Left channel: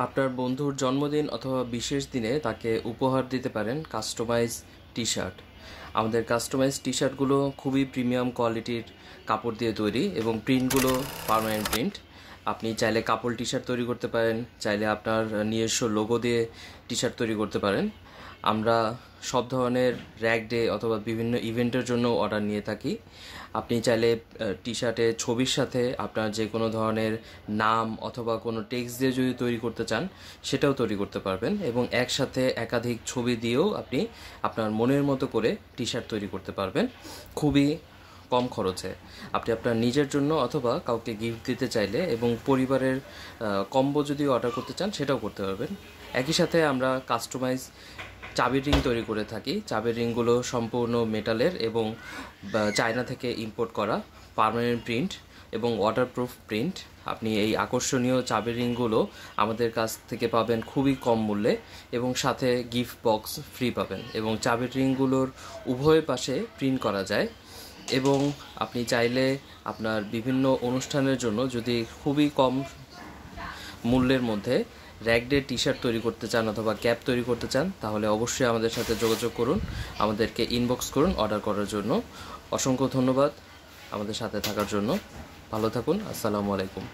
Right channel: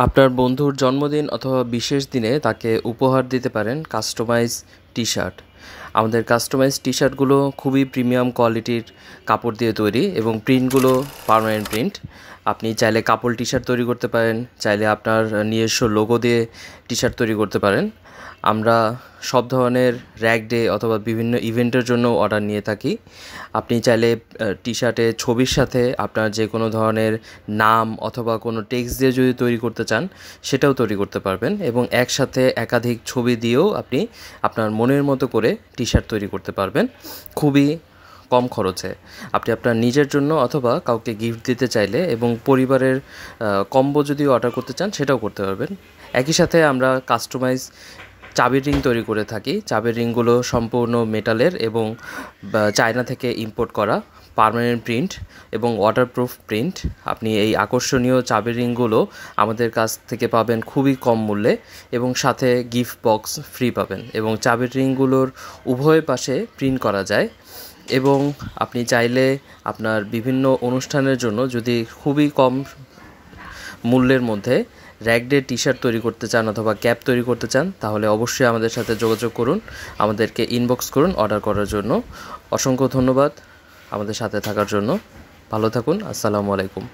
আপনার বন্ধুর জন্মদিন অথবা বিশেষ দিনে তাকে উপহার দিতে পারেন কাস্টমাইজ টি শার্ট। আমাদের কাস্টমাইজ টি শার্টগুলো খুবই প্রিমিয়াম কোয়ালিটির কাপড় দিয়ে তৈরি এবং প্রিন্টগুলো পার্মানেন্ট প্রিন্ট। আপনি চাইলে কাপড় টি শার্ট তৈরি করতে পারেন, চাইলে আপনার নিজস্ব লোগো দিয়ে টি শার্ট তৈরি করতে পারেন। আমরা সব ধরনের র্যাক ডে অথবা বিভিন্ন ইভেন্টের জন্য অর্ডার নিয়ে থাকি। আপনি চাইলে টি শার্টে ছবির সাথে আপনার যে কোনো ধরনের নাম অথবা কোনো টেক্সট দিয়ে যদি তৈরি করতে চান সেটাও তৈরি করতে পারবেন, এবং একসাথে একাধিক ছবি দিয়েও আপনি আপনার মনের মতো করে টি শার্ট তৈরি করতে পারবেন খুবই কম খরচে। আপনি আপনার নিজের জন্য অথবা কাউকে গিফট দিতে চাইলে এবং পরিবারের কম্বো যদি অর্ডার করতে চান সেটাও করতে পারবেন। একই সাথে আমরা কাস্টমাইজ চাবির রিং তৈরি করে থাকি। চাবির রিংগুলো সম্পূর্ণ মেটালের এবং চায়না থেকে ইম্পোর্ট করা, পার্মানেন্ট প্রিন্ট এবং ওয়াটারপ্রুফ প্রিন্ট। আপনি এই আকর্ষণীয় চাবির রিংগুলো আমাদের কাছ থেকে পাবেন খুবই কম মূল্যে এবং সাথে গিফট বক্স ফ্রি পাবেন, এবং চাবির রিংগুলোর উভয় পাশে প্রিন্ট করা যায়। এবং আপনি চাইলে আপনার বিভিন্ন অনুষ্ঠানের জন্য যদি খুবই কম মূল্যের মধ্যে র্যাক ডে টি শার্ট তৈরি করতে চান অথবা ক্যাপ তৈরি করতে চান, তাহলে অবশ্যই আমাদের সাথে যোগাযোগ করুন, আমাদেরকে ইনবক্স করুন অর্ডার করার জন্য। অসংখ্য ধন্যবাদ আমাদের সাথে থাকার জন্য। ভালো থাকুন। আসসালামু আলাইকুম।